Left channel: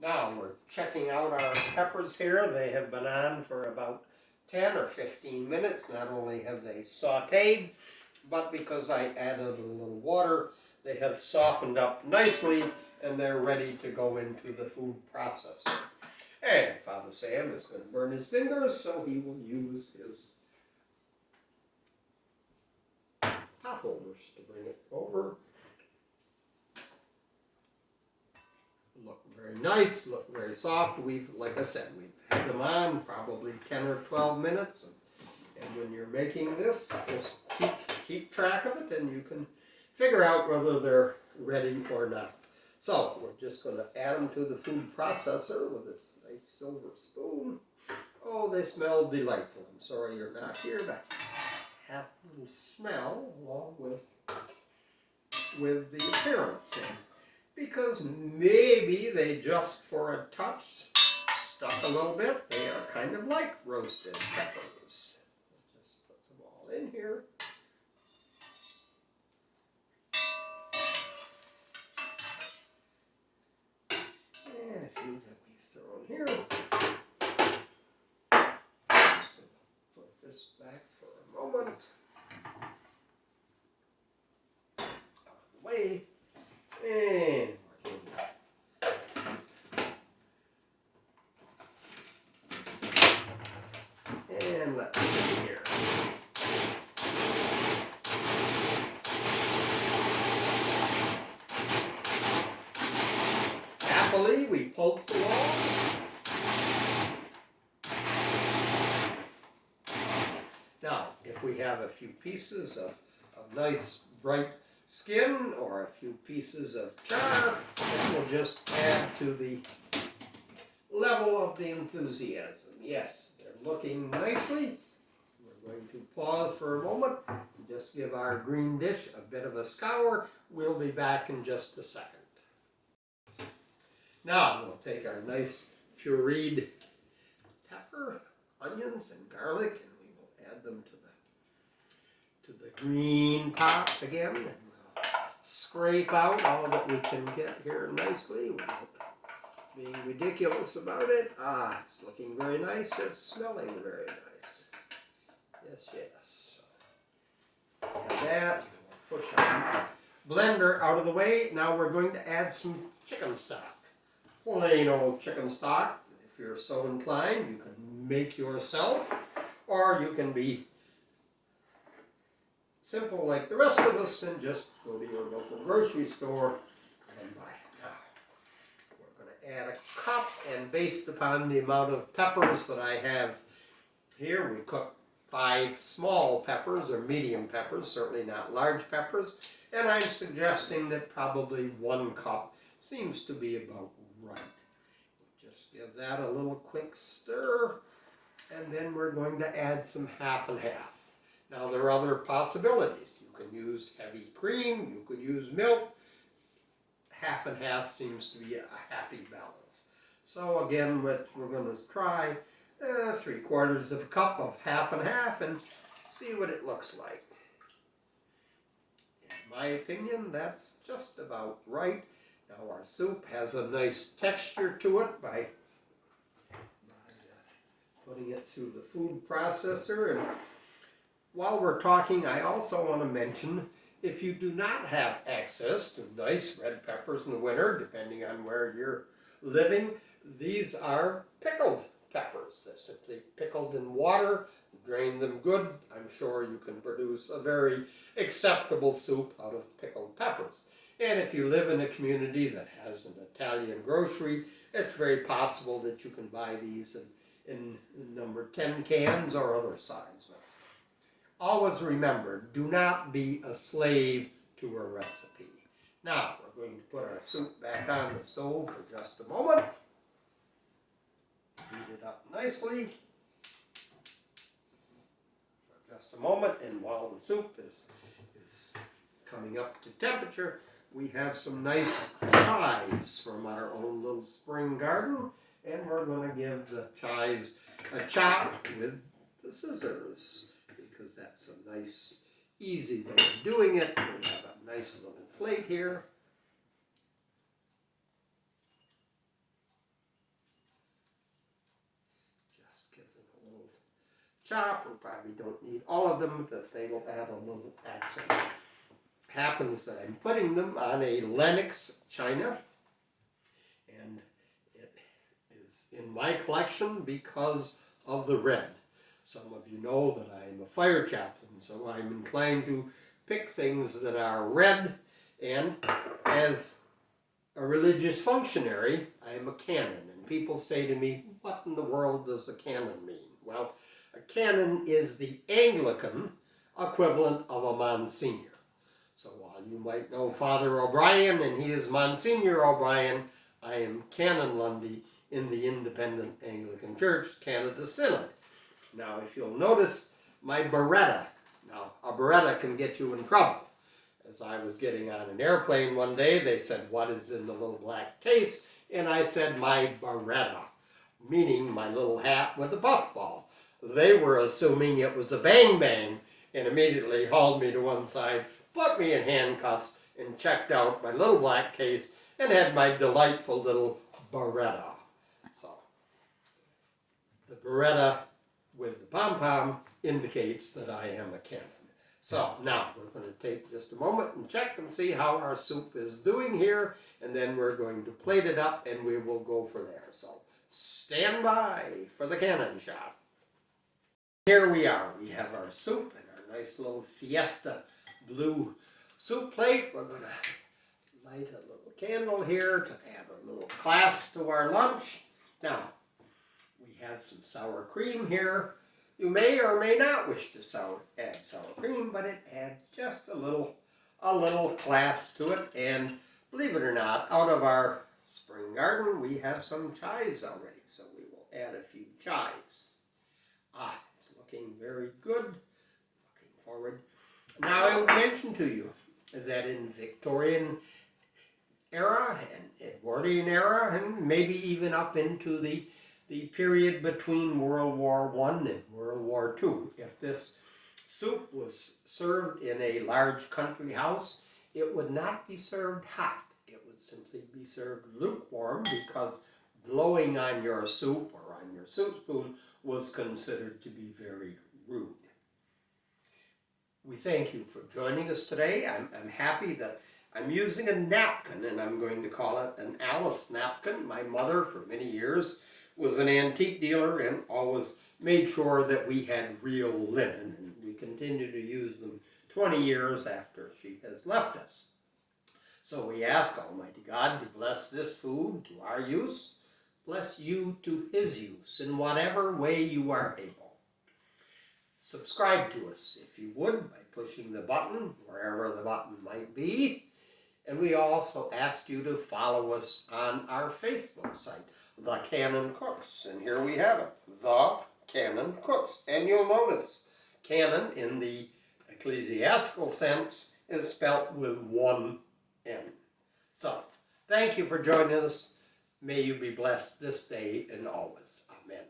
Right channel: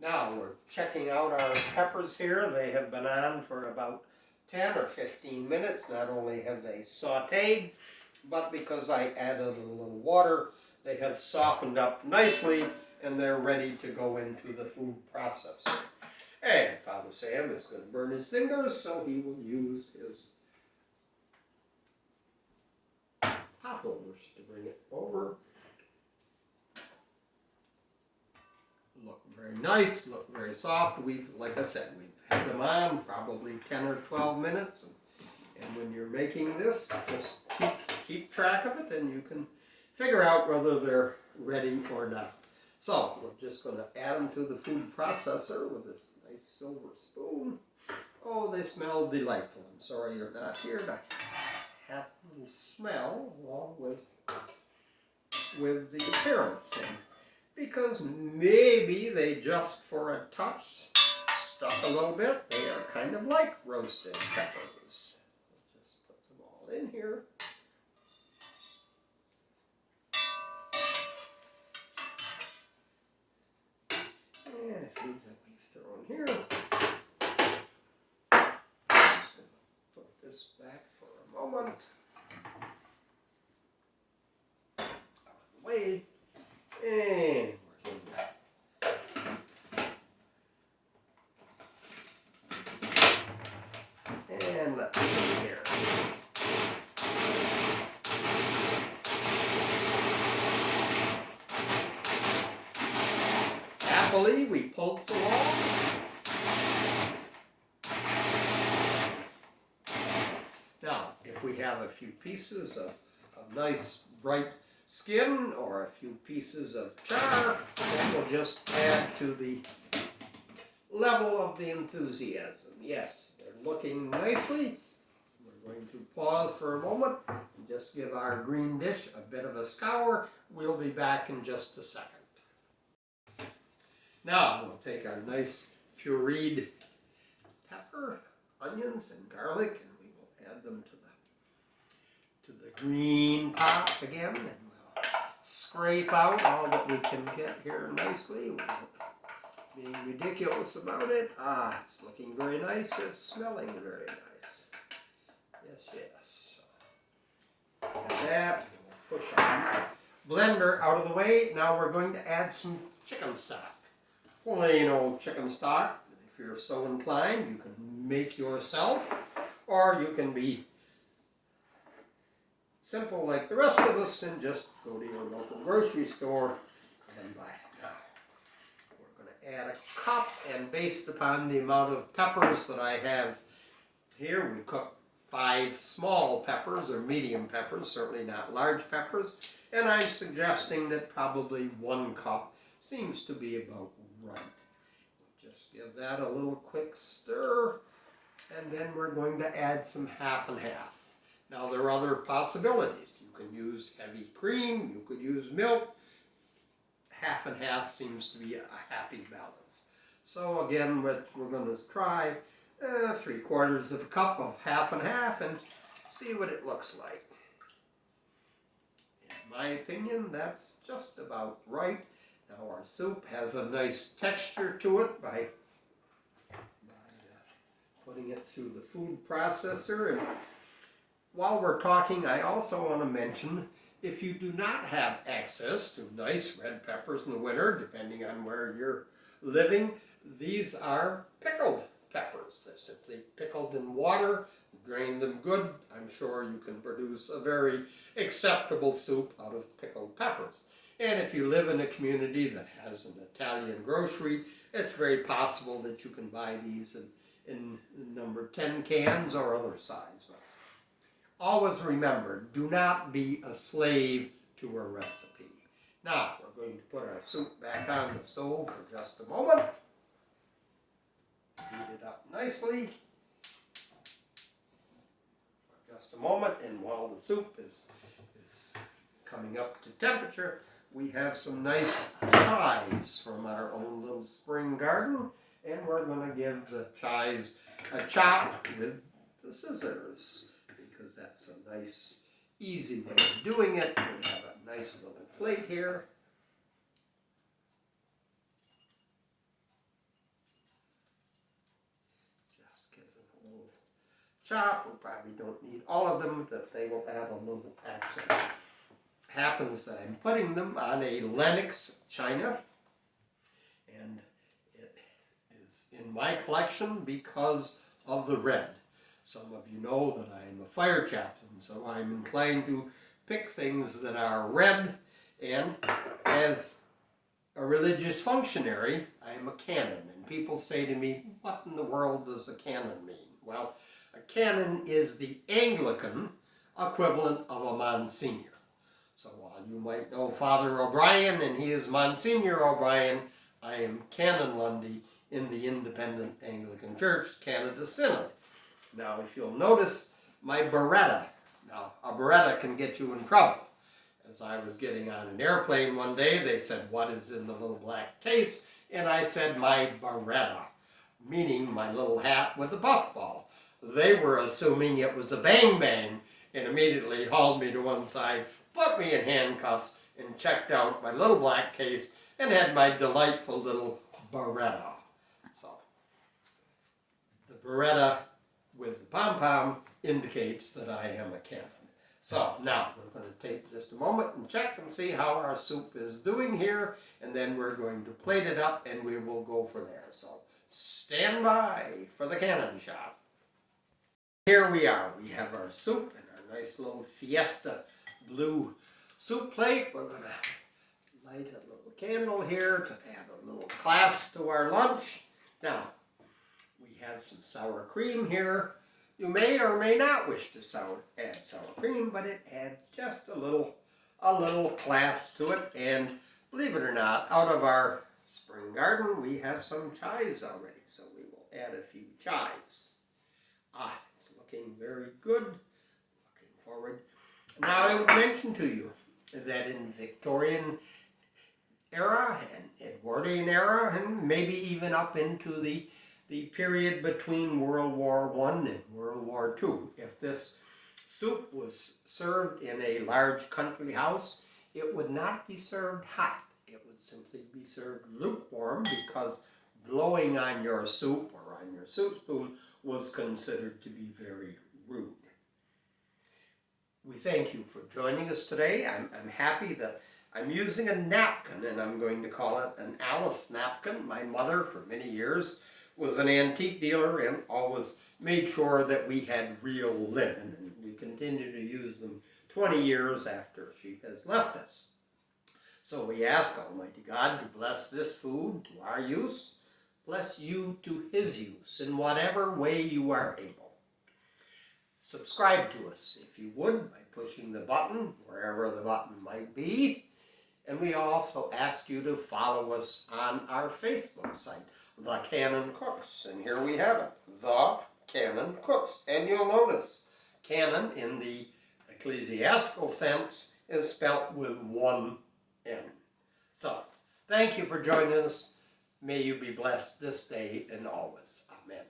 Now we're checking out our peppers here. They have been on for about 10 or 15 minutes. Not only have they sauteed, but because I added a little water, they have softened up nicely and they're ready to go into the food processor. And Father Sam is going to burn his fingers, so he will use his pot holders to bring it over. Look very nice, look very soft. Like I said, we've had them on probably 10 or 12 minutes. And when you're making this, just keep track of it and you can figure out whether they're ready or not. So we're just going to add them to the food processor with this nice silver spoon. Oh, they smell delightful. I'm sorry you're not here to have a little smell along with the appearance. And because maybe they just for a touch stuck a little bit. They are kind of like roasted peppers. Just put them all in here. And a few that we've thrown here. Just put this back for a moment. Out of the way. And And let's see here. Happily, we pulse along. Now, if we have a few pieces of nice bright skin or a few pieces of char, then we'll just add to the level of the enthusiasm. Yes, they're looking nicely. We're going to pause for a moment and just give our green dish a bit of a scour. We'll be back in just a second. Now we'll take our nice pureed pepper, onions, and garlic, and we will add them to the green pot again, and we'll scrape out all that we can get here nicely without being ridiculous about it. It's looking very nice. It's smelling very nice. Yes. Have that. We'll push our blender out of the way. Now we're going to add some chicken stock. Plain old chicken stock. If you're so inclined, you can make yourself, or you can be simple like the rest of us and just go to your local grocery store and buy it. Add a cup, and based upon the amount of peppers that I have here, we cook 5 small peppers or medium peppers, certainly not large peppers, and I'm suggesting that probably 1 cup seems to be about right. Just give that a little quick stir, and then we're going to add some half and half. Now there are other possibilities. You can use heavy cream, you could use milk. Half and half seems to be a happy balance. So again, what we're going to try 3/4 of a cup of half and half and see what it looks like. In my opinion, that's just about right. Now our soup has a nice texture to it by putting it through the food processor. And while we're talking, I also want to mention, if you do not have access to nice red peppers in the winter, depending on where you're living, these are pickled peppers. They're simply pickled in water, drain them good. I'm sure you can produce a very acceptable soup out of pickled peppers. And if you live in a community that has an Italian grocery, it's very possible that you can buy these in number 10 cans or other size. Always remember, do not be a slave to a recipe. Now, we're going to put our soup back on the stove for just a moment. Heat it up nicely for just a moment, and while the soup is coming up to temperature, we have some nice chives from our own little spring garden, and we're going to give the chives a chop with the scissors, because that's a nice, easy way of doing it. We have a nice little plate here. chop. We probably don't need all of them, but they will add a little accent. Happens that I'm putting them on a Lenox china, and it is in my collection because of the red. Some of you know that I am a fire chaplain, so I'm inclined to pick things that are red, and as a religious functionary, I am a canon. And people say to me, what in the world does a canon mean? Well, a canon is the Anglican equivalent of a Monsignor. So while you might know Father O'Brien and he is Monsignor O'Brien, I am Canon Lundy in the Independent Anglican Church, Canada Synod. Now, if you'll notice my Beretta. Now, a Beretta can get you in trouble. As I was getting on an airplane one day, they said, what is in the little black case? And I said, my Beretta, meaning my little hat with a puffball. They were assuming it was a bang-bang and immediately hauled me to one side, put me in handcuffs, and checked out my little black case and had my delightful little Beretta. So, the Beretta with the pom-pom indicates that I am a canon. So now we're going to take just a moment and check and see how our soup is doing here, and then we're going to plate it up and we will go for there. So stand by for the cannon shot. Here we are. We have our soup and our nice little Fiesta blue soup plate. We're going to light a little candle here to add a little class to our lunch. Now, we have some sour cream here. You may or may not wish to add sour cream, but it adds just a little class to it. And believe it or not, out of our spring garden, we have some chives already. So we will add a few chives. It's looking very good. Looking forward. Now I would mention to you that in Victorian era and Edwardian era, and maybe even up into the period between World War I and World War II. If this soup was served in a large country house, it would not be served hot. It would simply be served lukewarm because blowing on your soup or on your soup spoon was considered to be very rude. We thank you for joining us today. I'm happy that I'm using a napkin, and I'm going to call it an Alice napkin. My mother, for many years, was an antique dealer and always made sure that we had real linen, and we continue to use them 20 years after she has left us. So we ask Almighty God to bless this food to our use, bless you to his use in whatever way you are able. Subscribe to us, if you would, by pushing the button, wherever the button might be. And we also ask you to follow us on our Facebook site, The Canon Cooks. And here we have it, The Canon Cooks. And you'll notice, canon in the ecclesiastical sense is spelt with one N. So, thank you for joining us. May you be blessed this day and always. Amen.